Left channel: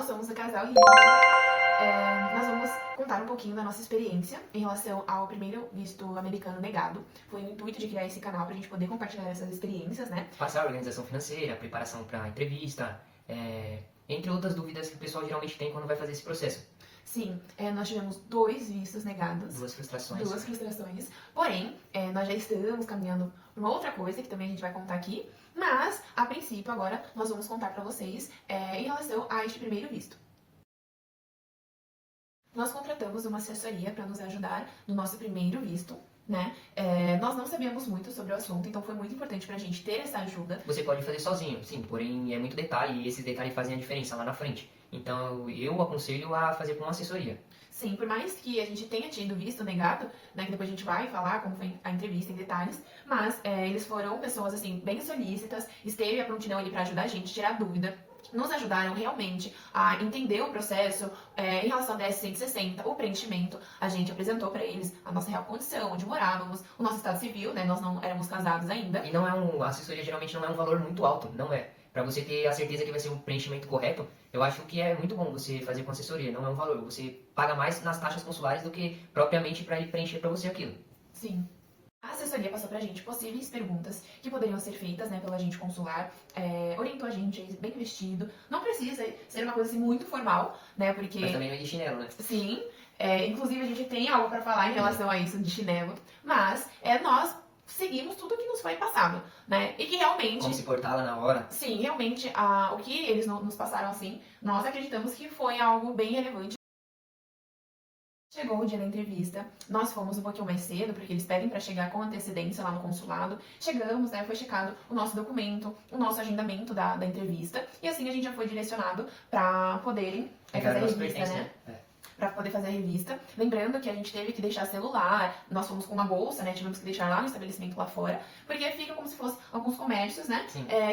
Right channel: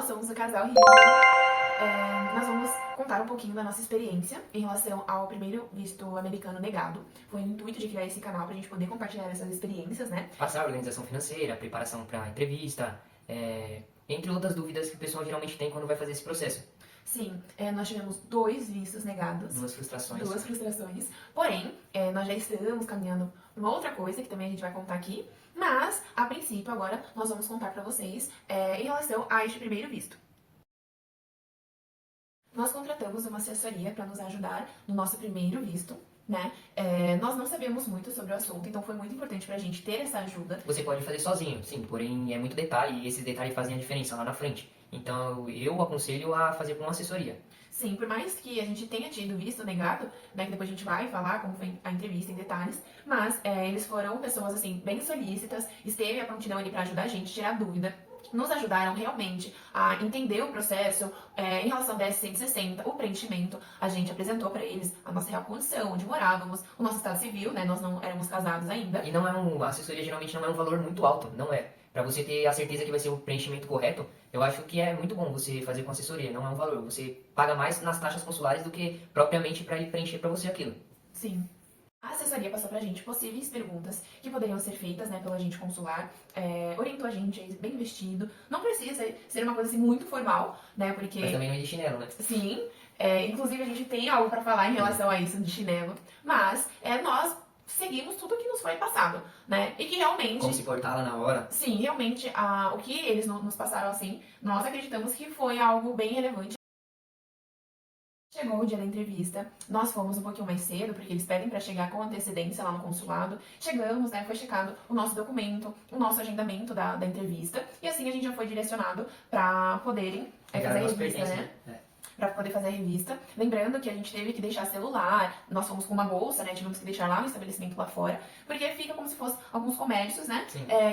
nós somos o casal Riso. Nós vamos contar um pouquinho da nossa experiência em relação ao primeiro visto americano negado. Foi o intuito de criar esse canal pra gente poder compartilhar essas experiências, né? Passar a organização financeira, preparação para entrevista, entre outras dúvidas que o pessoal geralmente tem quando vai fazer esse processo. Sim, nós tivemos 2 vistos negados. Duas frustrações. 2 frustrações. Porém, nós já estamos caminhando para uma outra coisa que também a gente vai contar aqui. Mas, a princípio, agora nós vamos contar para vocês em relação a este primeiro visto. Nós contratamos uma assessoria para nos ajudar no nosso primeiro visto, né? Nós não sabíamos muito sobre o assunto, então foi muito importante pra gente ter essa ajuda. Você pode fazer sozinho, sim, porém é muito detalhe e esses detalhes fazem a diferença lá na frente. Então eu aconselho a fazer com uma assessoria. Sim, por mais que a gente tenha tido visto negado, né, que depois a gente vai falar como foi a entrevista em detalhes, mas eles foram pessoas, assim, bem solícitas, esteve a prontidão ali pra ajudar a gente, tirar dúvida, nos ajudaram realmente a entender o processo em relação ao DS-160, o preenchimento, a gente apresentou pra eles a nossa real condição, onde morávamos, o nosso estado civil, né, nós não éramos casados ainda. E não é a assessoria geralmente não é um valor muito alto, não é. Para você ter a certeza que vai ser o preenchimento correto, eu acho que é muito bom você fazer com assessoria, não é um valor. Você paga mais nas taxas consulares do que propriamente para ele preencher para você aquilo. Sim. A assessoria passou pra gente possíveis perguntas que poderiam ser feitas, né, pelo agente consular, orientou a gente bem vestido. Não precisa ser uma coisa assim muito formal, né, porque... Mas também não é de chinelo, né? Sim, inclusive a gente tem algo pra falar em relação a isso de chinelo, mas nós seguimos tudo que nos foi passado, né, e que realmente... Como se portar lá na hora. Sim, realmente, o que eles nos passaram assim, nós acreditamos que foi algo bem relevante. Chegou o dia da entrevista, nós fomos um pouquinho mais cedo, porque eles pedem para chegar com antecedência lá no consulado. Chegamos, né, foi checado o nosso documento, o nosso agendamento da entrevista, e assim a gente já foi direcionado para poderem fazer a revista, né? Pra poder fazer a revista. Lembrando que a gente teve que deixar celular, nós fomos com uma bolsa, né? Tivemos que deixar lá no estabelecimento lá fora, porque fica como se fosse alguns comércios, né?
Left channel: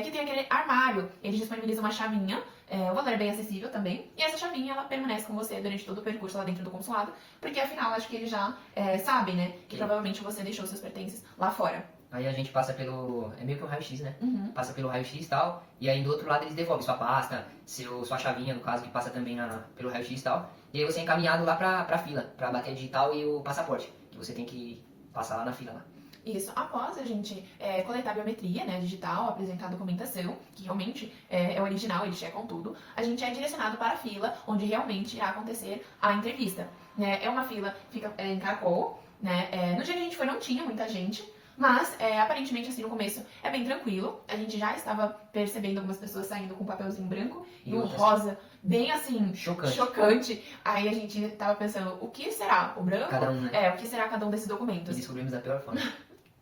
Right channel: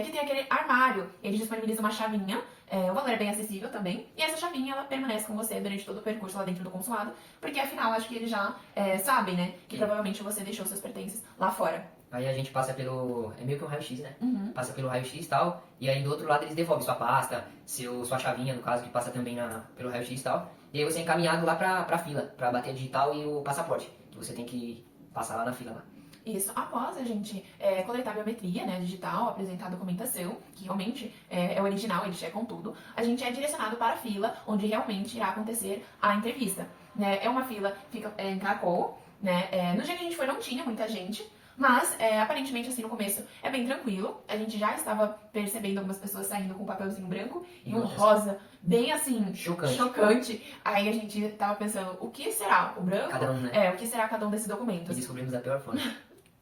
Que tem aquele armário. Eles disponibilizam uma chavinha, o valor é bem acessível também, e essa chavinha ela permanece com você durante todo o percurso lá dentro do consulado, porque afinal acho que eles já sabem, né? Que provavelmente você deixou seus pertences lá fora. Aí a gente passa pelo... é meio que um raio-x, né? Uhum. Passa pelo raio-x e tal, e aí do outro lado eles devolvem sua pasta, sua chavinha, no caso, que passa também pelo raio-x e tal. E aí você é encaminhado lá pra fila, pra bater a digital e o passaporte, que você tem que passar lá na fila lá. Isso, após a gente coletar a biometria, né, digital, apresentar a documentação, que realmente é original, eles checam tudo, a gente é direcionado para a fila, onde realmente irá acontecer a entrevista. É uma fila, fica em caracol, né, no dia que a gente foi não tinha muita gente, mas, aparentemente, assim, no começo é bem tranquilo. A gente já estava percebendo algumas pessoas saindo com um papelzinho branco e um rosa bem, assim, chocante. Aí a gente tava pensando, o que será o branco? Cada um, né? O que será cada um desses documentos? E descobrimos da pior forma.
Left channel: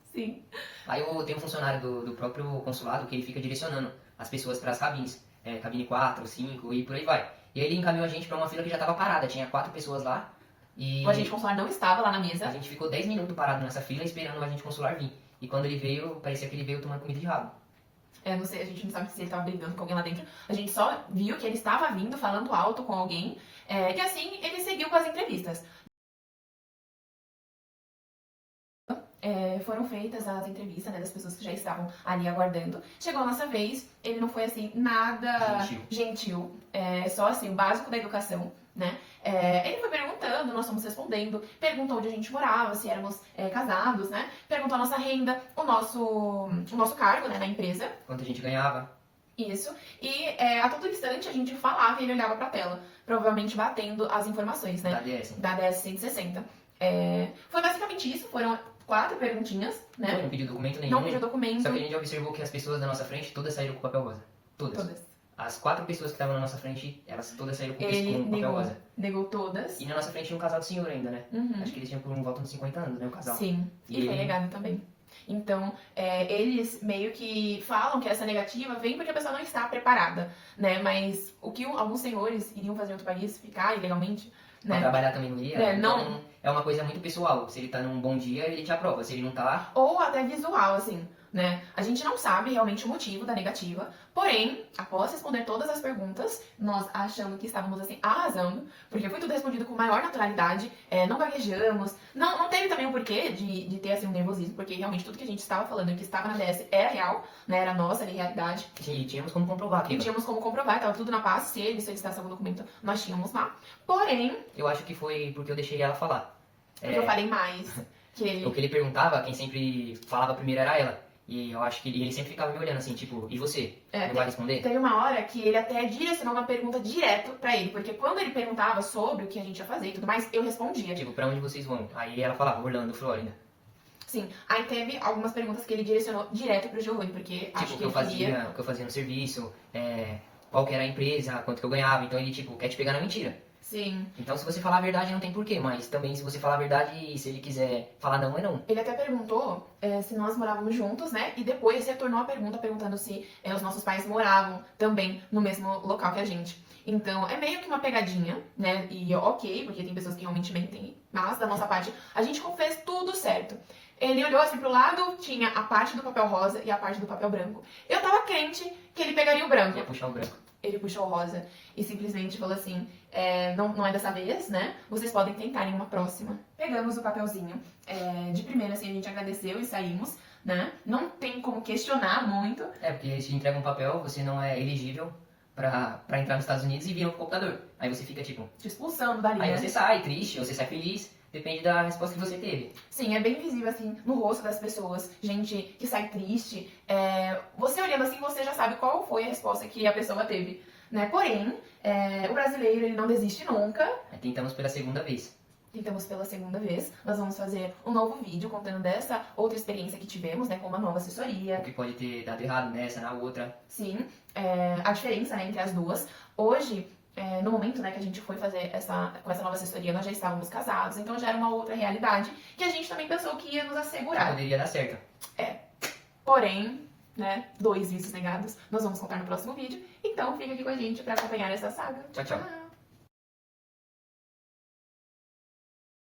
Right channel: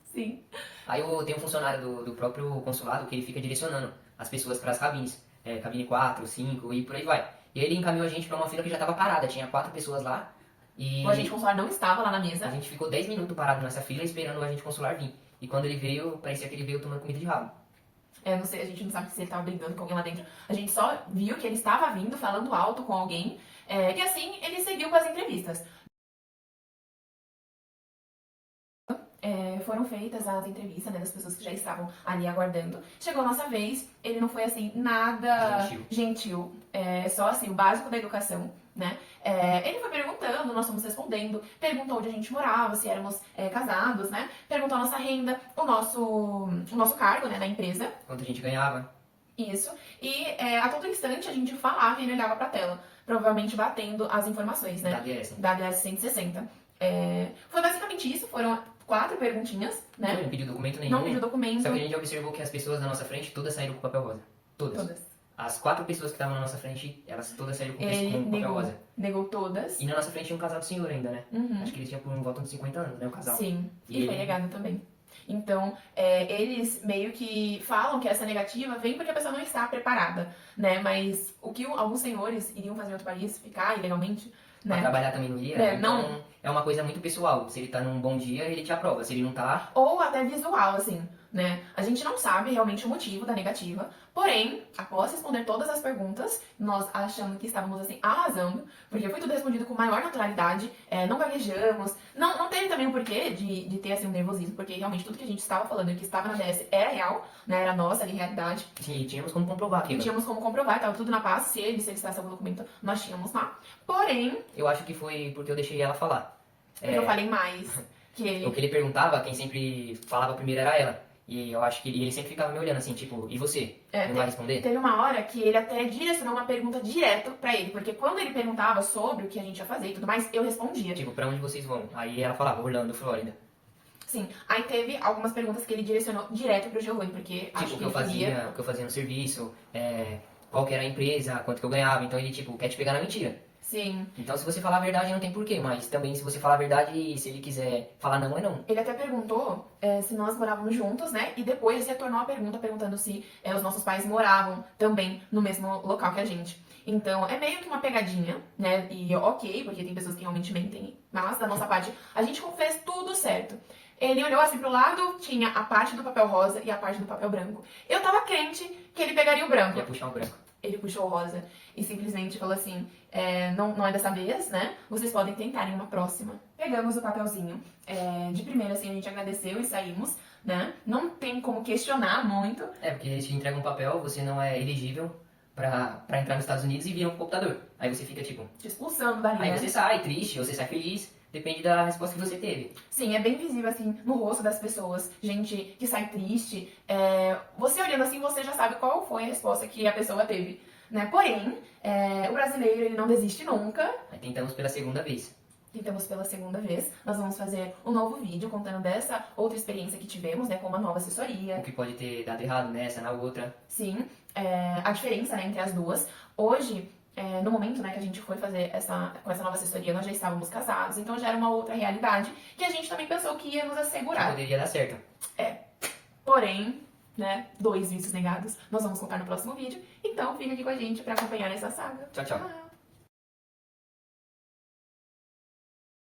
Sim. Aí tem um funcionário do próprio consulado que ele fica direcionando as pessoas para as cabines. Cabine 4, 5 e por aí vai. E aí ele encaminhou a gente para uma fila que já estava parada. Tinha 4 pessoas lá. E o agente consular não estava lá na mesa. A gente ficou 10 minutos parado nessa fila esperando o agente consular vir. E quando ele veio, parecia que ele veio tomando comida de rabo. Não sei, a gente não sabe se ele estava brigando com alguém lá dentro. A gente só viu que ele estava vindo, falando alto com alguém. E assim, ele seguiu com as entrevistas. Foram feitas as entrevistas, né, das pessoas que já estavam ali aguardando. Chegou a nossa vez, ele não foi assim, nada gentil. Só assim, o básico da educação, né? Ele foi perguntando, nós fomos respondendo, perguntou onde a gente morava, se éramos casados, né? Perguntou a nossa renda, o nosso cargo, né, na empresa. Quanto a gente ganhava. Isso. E a todo instante a gente falava e ele olhava pra tela, provavelmente batendo as informações, né? Da DS-160. Foi basicamente isso, foram 4 perguntinhas, né? Não pediu documento nenhum. Não pediu documento. Só que a gente observou que as pessoas da nossa frente todas saíram com papel rosa. Todas. As 4 pessoas que estavam na nossa frente, elas todas saíram com papel rosa. Negou todas. E na nossa frente tinha um casal de senhor ainda, né? Uhum. Acho que eles tinham por um volta de 50 anos, né? O casal. Sim. E foi negado também. Então, eles meio que falam que essa negativa vem porque a pessoa não está preparada, né? Mas o que alguns senhores iriam fazer em outro país, ficar ilegalmente, Pra trabalhar também no dia, então não... é uma coisa muito pessoal. Se ele tá num bom dia, ele te aprova. Se ele não tá lá... Ou até visual, assim. né? A gente não sabe realmente o motivo da negativa, porém, após responder todas as perguntas, nós achamos que estávamos assim arrasando, porque foi tudo respondido com maior naturalidade, não gaguejamos, não teve também o porquê de ter assim um nervosismo, porque realmente tudo que a gente estava falando e que estava na DS era real, né? Era nossa ali, realidade. E tínhamos como comprovar E aquilo. tínhamos como comprovar, estava tudo na paz, se ele solicitasse algum documento, nós tínhamos lá. Porém, Eu acho que foi porque eu deixei ela falar. eu falei mais, que O que ele perguntava, quem sempre falava primeiro era ela. E eu acho que ele sempre ficava me olhando assim, tipo, e você? Não vai responder? teve uma hora que ele até direcionou uma pergunta direto pra ele, porque quando ele perguntava sobre o que a gente ia fazer e tudo mais, eu respondia. Tipo, pra onde vocês vão? Aí ela falava, Orlando, Flórida. Sim, aí teve algumas perguntas que ele direcionou direto pro Giovanni, porque acho Tipo, que o que eu fazia no serviço, qual que era a empresa, quanto que eu ganhava. Então ele, tipo, quer te pegar na mentira. Sim. Então se você falar a verdade não tem porquê, mas também se você falar a verdade, se ele quiser falar não, é não. Ele até perguntou se nós morávamos juntos, né? E depois retornou a pergunta perguntando se os nossos pais moravam também no mesmo local que a gente. Então, é meio que uma pegadinha, né? E ok, porque tem pessoas que realmente mentem, mas da nossa parte, a gente fez tudo certo. Ele olhou assim pro lado, tinha a parte do papel rosa e a parte do papel branco. Eu tava crente que ele pegaria o branco. Ia puxar o branco. Ele puxou o rosa e simplesmente falou assim, não é dessa vez, né? Vocês podem tentar em uma próxima. Pegamos o papelzinho. De primeira, assim, a gente agradeceu e saímos, né? Não tem como questionar muito. Porque eles te entregam um papel, você não é elegível pra entrar nos Estados Unidos e vira um computador. Aí você fica tipo... Te expulsando dali, Aí né? você sai triste, ou você sai feliz, depende da resposta que você teve. Sim, é bem visível, assim, no rosto das pessoas. Gente que sai triste. Você olhando assim, você já sabe qual foi a resposta que a pessoa teve, né? Porém, o brasileiro, ele não desiste nunca. Aí tentamos pela segunda vez. Tentamos pela segunda vez. Nós vamos fazer um novo vídeo contando dessa outra experiência que tivemos, né? Com uma nova assessoria. O que pode ter dado errado nessa, na outra. Sim, a diferença, né, entre as duas. Hoje, no momento, né, que a gente foi fazer com essa nova assessoria, nós já estávamos casados, então já era uma outra realidade que a gente também pensou que ia nos Que assegurar. poderia dar certo. Porém, né, 2 vícios negados, nós vamos contar no próximo vídeo. Então, fica aqui com a gente para acompanhar essa saga. Tchau, tchau.